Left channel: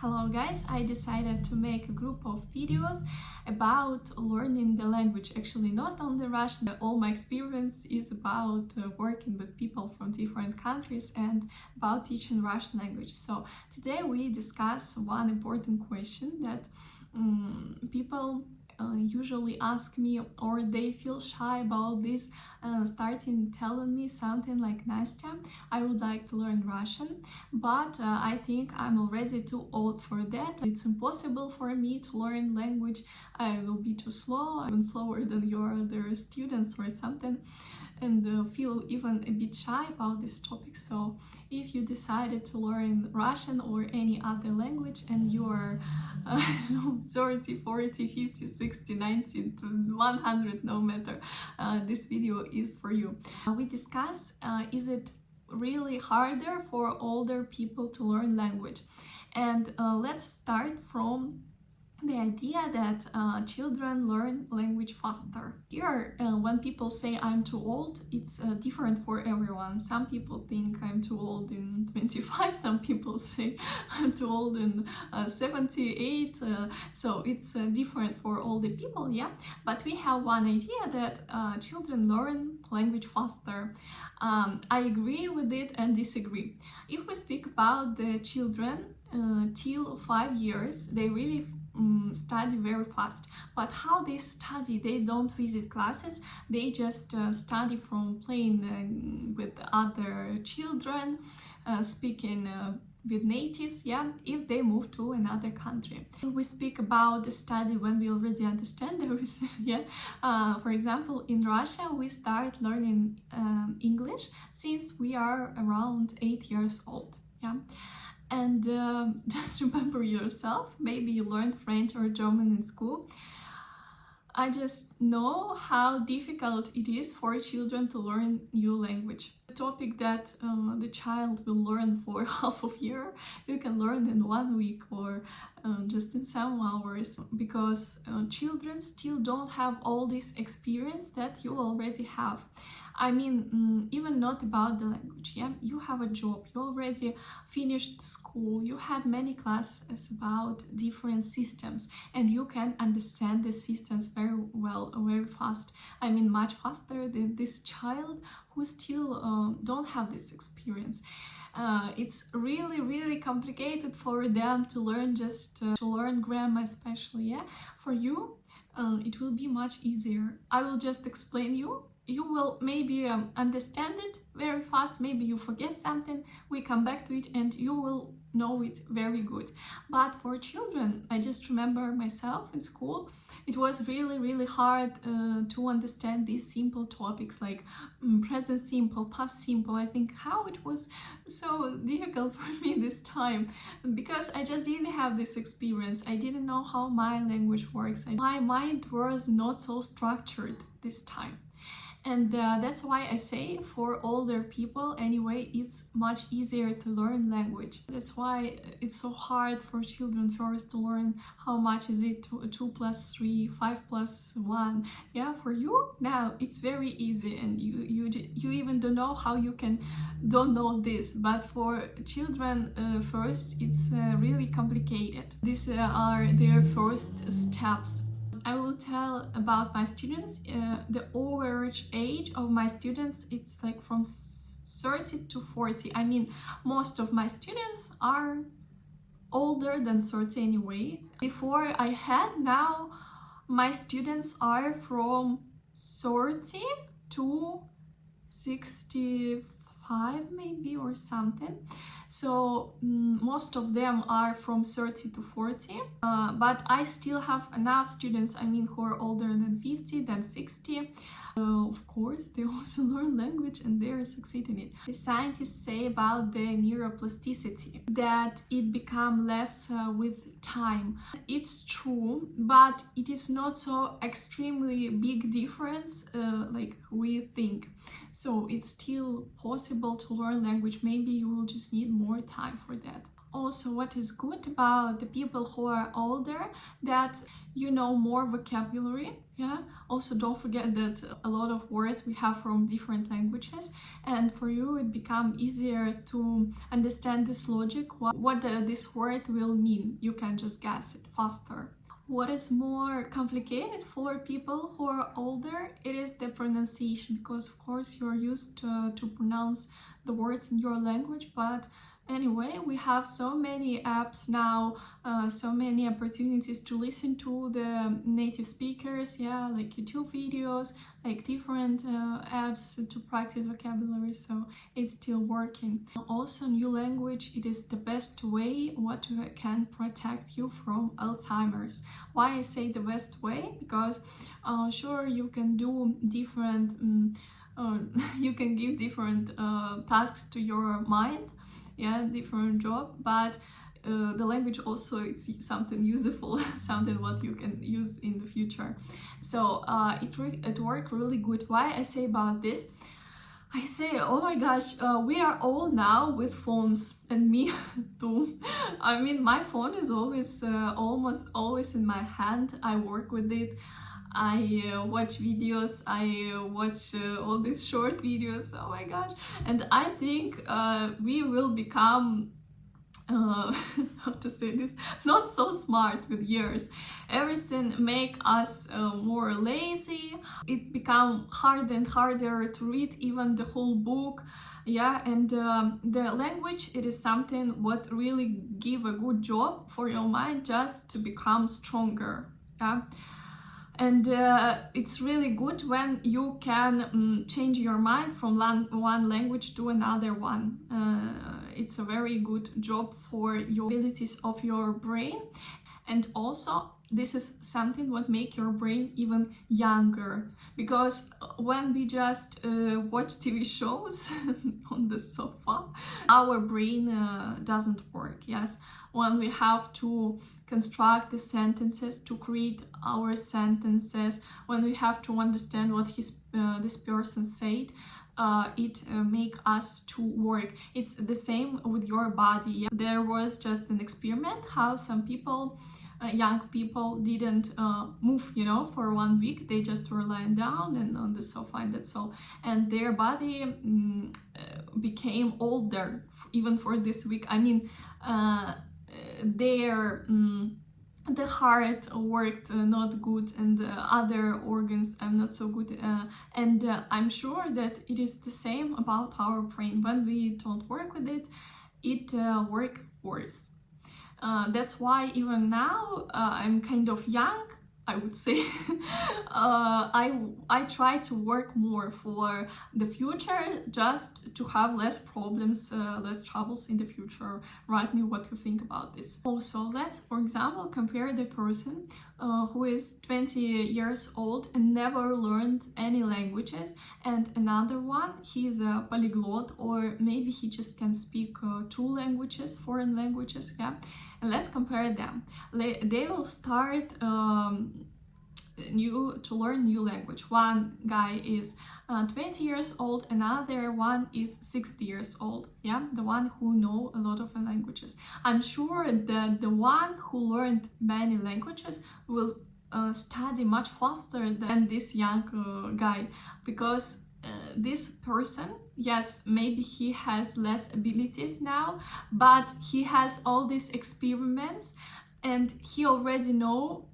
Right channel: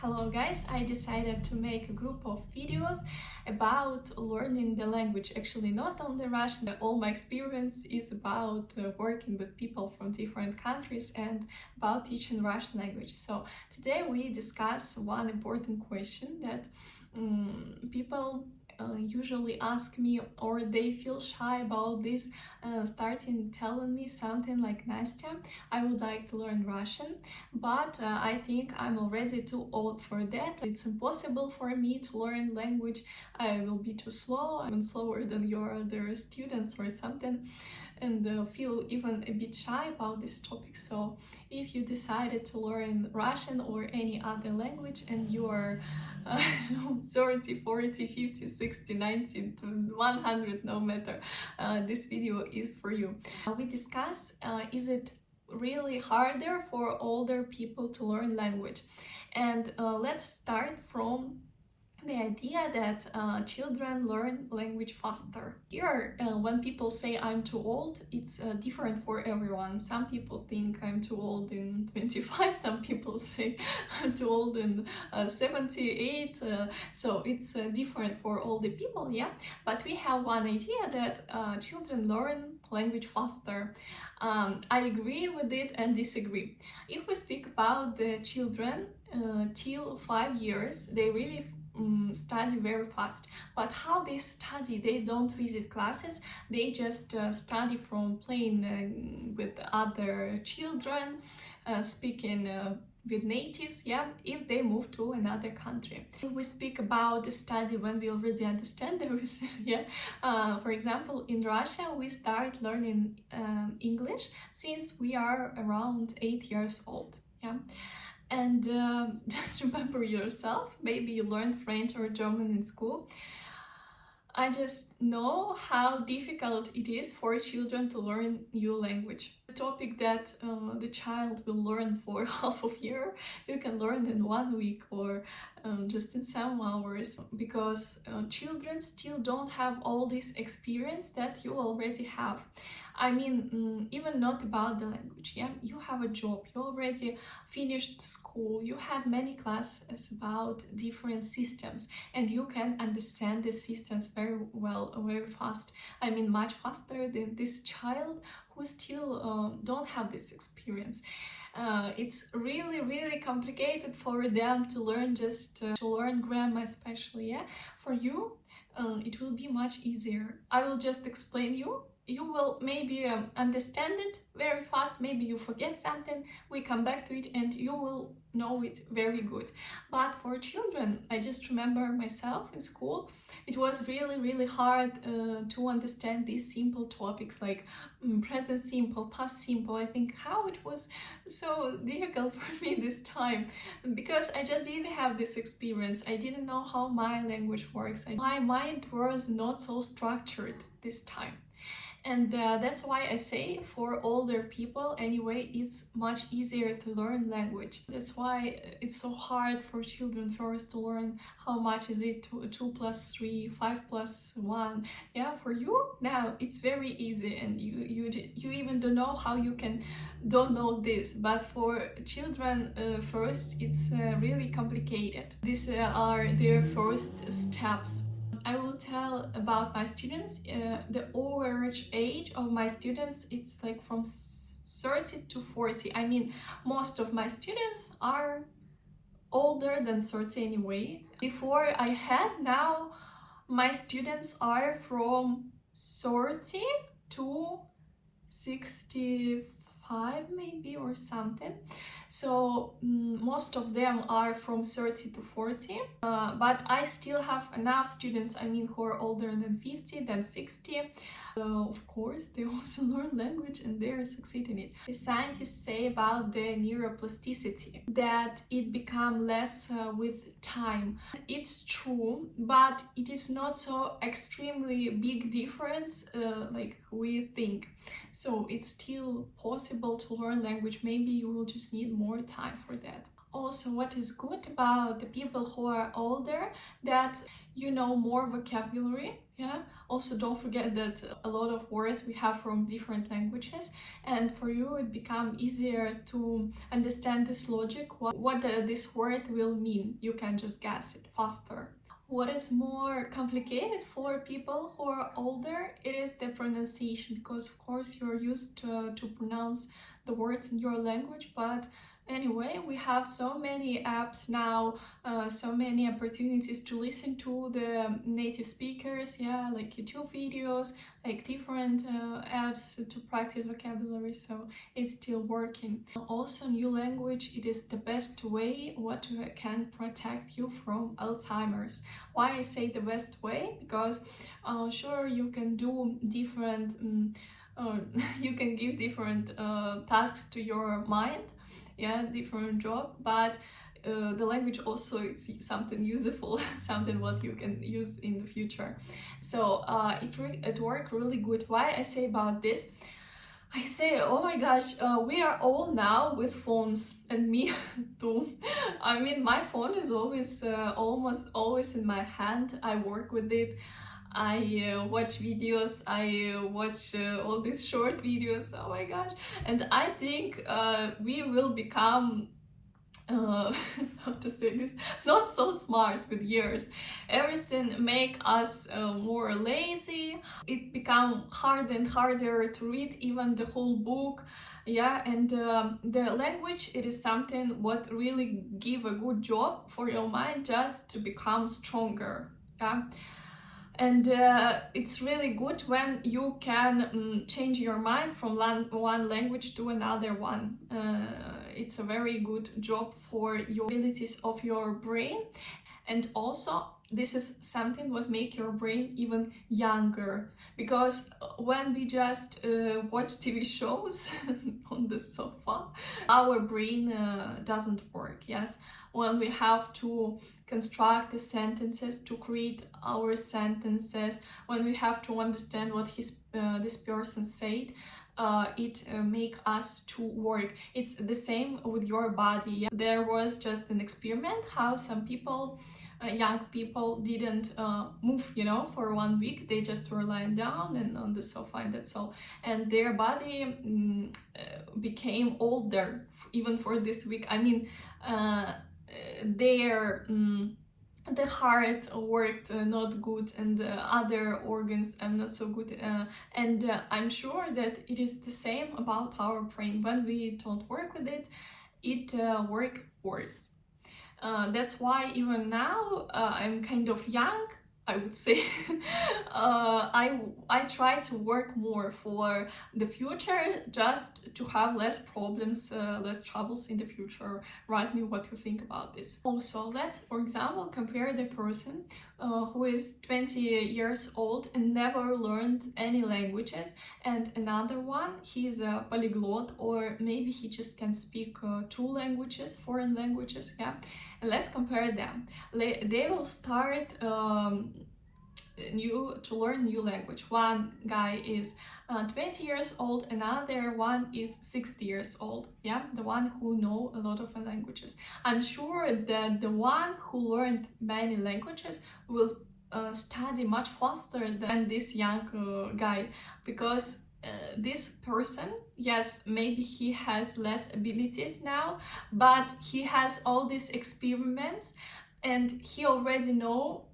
Hello guys, I decided to make a group of videos about learning the language. Actually, not only Russian, all my experience is about working with people from different countries and about teaching Russian language. So today we discuss one important question that people usually ask me, or they feel shy about this, starting telling me something like, Nastya, I would like to learn Russian, but I think I'm already too old for that. It's impossible for me to learn language. I will be too slow, even slower than your other students or something, and feel even a bit shy about this topic. So if you decided to learn Russian or any other language and you are 30, 40, 50, 60, 90, 100, no matter, this video is for you. We discuss, is it really harder for older people to learn language? And let's start from the idea that children learn language faster. Here, when people say I'm too old, it's different for everyone. Some people think I'm too old in 25, some people say I'm too old in 78, so it's different for all the people, yeah? But we have one idea that children learn language faster. I agree with it and disagree. If we speak about the children till 5 years, they really study very fast. But how they study? They don't visit classes, they just study from playing with other children, speaking with natives, yeah, if they move to another country. If we speak about the study when we already understand everything, yeah, for example, in Russia we start learning English since we are around 8 years old, yeah. And just remember yourself, maybe you learned French or German in school. I just know how difficult it is for children to learn new language. A topic that the child will learn for half of year, you can learn in 1 week or just in some hours, because children still don't have all this experience that you already have. I mean, even not about the language, yeah? You have a job, you already finished school, you had many classes about different systems, and you can understand the systems very well, very fast. I mean, much faster than this child who still don't have this experience. It's really complicated for them to learn, just to learn grammar especially, yeah? For you, it will be much easier. I will just explain you. You will maybe understand it very fast, maybe you forget something, we come back to it and you will know it very good. But for children, I just remember myself in school, it was really hard to understand these simple topics like present simple, past simple. I think how it was so difficult for me this time, because I just didn't have this experience. I didn't know how my language works. My mind was not so structured this time. And that's why I say for older people anyway, it's much easier to learn language. That's why it's so hard for children first to learn how much is it, 2 plus 3, 5 plus 1. Yeah, for you now it's very easy, and you even don't know how you don't know this. But for children first, it's really complicated. These are their first steps. I will tell about my students. The average age of my students, it's like from 30 to 40. I mean, most of my students are older than 30 anyway. Before I had, now my students are from 30 to 65 maybe, or something. So most of them are from 30 to 40, but I still have enough students, I mean, who are older than 50, than 60. Of course, they also learn language and they are succeeding in it. The scientists say about the neuroplasticity that it becomes less with time. It's true, but it is not so extremely big difference like we think. So it's still possible to learn language. Maybe you will just need more time for that. Also, what is good about the people who are older, that you know more vocabulary. Yeah, also don't forget that a lot of words we have from different languages, and for you it become easier to understand this logic, what this word will mean. You can just guess it faster. What is more complicated for people who are older, it is the pronunciation, because of course you're used to pronounce the words in your language, but anyway, we have so many apps now, so many opportunities to listen to the native speakers, yeah, like YouTube videos, like different apps to practice vocabulary, so it's still working. Also, new language, it is the best way what can protect you from Alzheimer's. Why I say the best way? Because sure, you can do different you can give different tasks to your mind, yeah, different job, but the language also, it's something useful, something what you can use in the future. So it worked really good. Why I say about this? I say, oh my gosh, we are all now with phones, and me too. I mean, my phone is always, almost always in my hand. I work with it. I watch videos, I watch all these short videos, oh my gosh. And I think we will become, how to say this, not so smart with years. Everything make us more lazy. It become harder and harder to read even the whole book. Yeah, and the language, it is something what really give a good job for your mind just to become stronger. Yeah. And it's really good when you can change your mind from one language to another one. It's a very good job for your abilities of your brain. And also, this is something what make your brain even younger, because when we just watch TV shows on the sofa, our brain doesn't work. Yes, when we have to construct the sentences, to create our sentences, when we have to understand what this person said, it make us to work. It's the same with your body. Yeah? There was just an experiment how some people, young people, didn't move, you know, for 1 week. They just were lying down and on the sofa, and that's all. And their body became older even for this week. I mean, the heart worked not good, and other organs not so good, and I'm sure that it is the same about our brain. When we don't work with it, it works worse. That's why even now I'm kind of young, I would say. I try to work more for the future, just to have less problems, less troubles in the future. Write me what you think about this. Also, let's, for example, compare the person who is 20 years old and never learned any languages, and another one, he's a polyglot, or maybe he just can speak 2 languages, foreign languages, yeah. And let's compare them. They will start to learn new language. One guy is 20 years old, another one is 60 years old. Yeah, the one who know a lot of languages. I'm sure that the one who learned many languages will study much faster than this young guy, because this person, yes, maybe he has less abilities now, but he has all these experiments, and he already know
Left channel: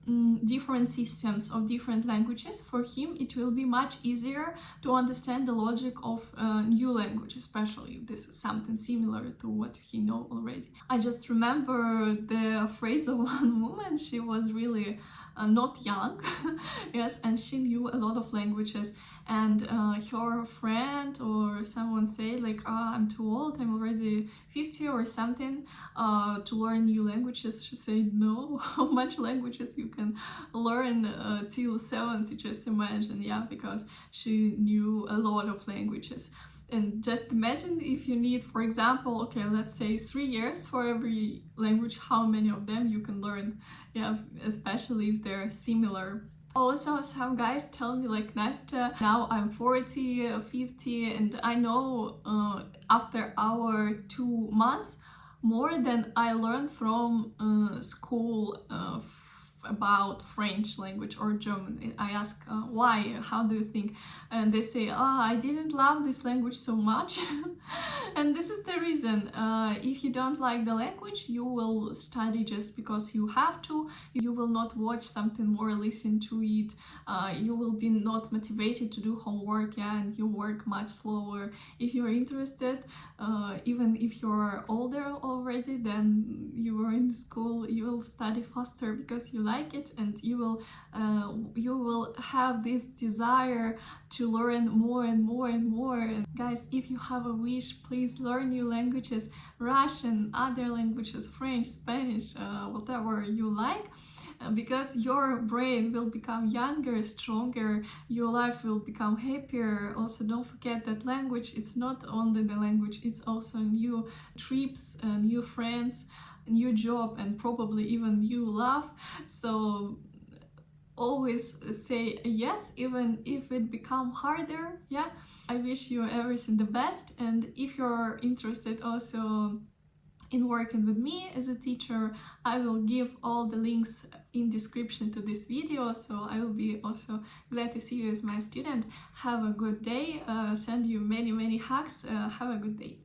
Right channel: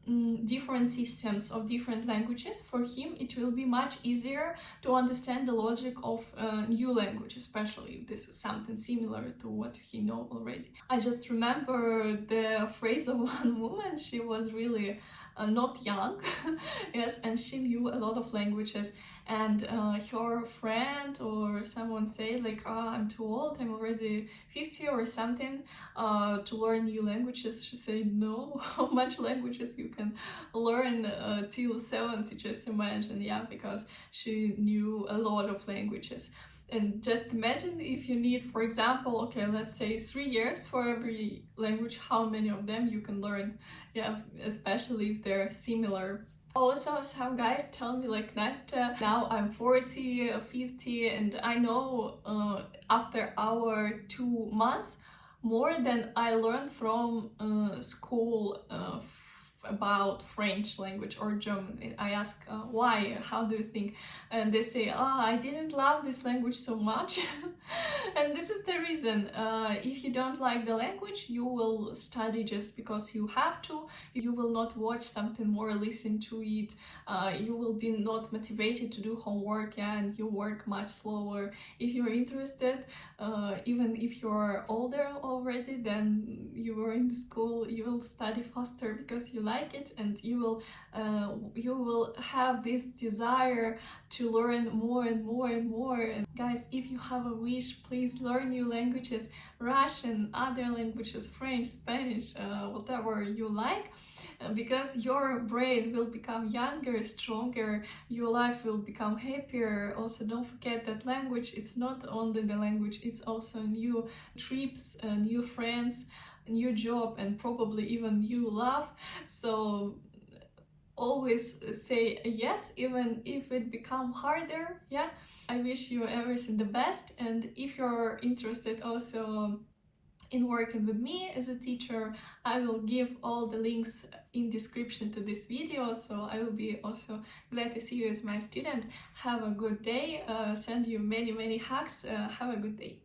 different systems of different languages. For him, it will be much easier to understand the logic of new language, especially if this is something similar to what he know already. I just remember the phrase of one woman. She was really not young, yes, and she knew a lot of languages. And her friend or someone say like, I'm too old, I'm already 50 or something, to learn new languages. She said, no, how much languages you can learn till 70, just imagine. Yeah, because she knew a lot of languages. And just imagine if you need, for example, okay, let's say 3 years for every language, how many of them you can learn. Yeah, especially if they're similar. Also, some guys tell me like, Nastya, now I'm 40, 50, and I know after our 2 months, more than I learned from school about French language or German. I ask why, how do you think? And they say, I didn't love this language so much. And this is the reason. If you don't like the language, you will study just because you have to. You will not watch something more, listen to it. You will be not motivated to do homework, yeah, and you work much slower. If you're interested, even if you're older already, then you were in school, you will study faster because you like it, and you will have this desire to learn more and more and more. And guys, if you have a wish, please learn new languages, Russian, other languages, French, Spanish, whatever you like. Because your brain will become younger, stronger, your life will become happier. Also, don't forget that language, it's not only the language, it's also new trips, new friends, new job, and probably even new love. So always say yes, even if it become harder. Yeah, I wish you everything the best. And if you're interested also in working with me as a teacher, I will give all the links in description to this video, so I will be also glad to see you as my student. Have a good day, send you many hugs, have a good day.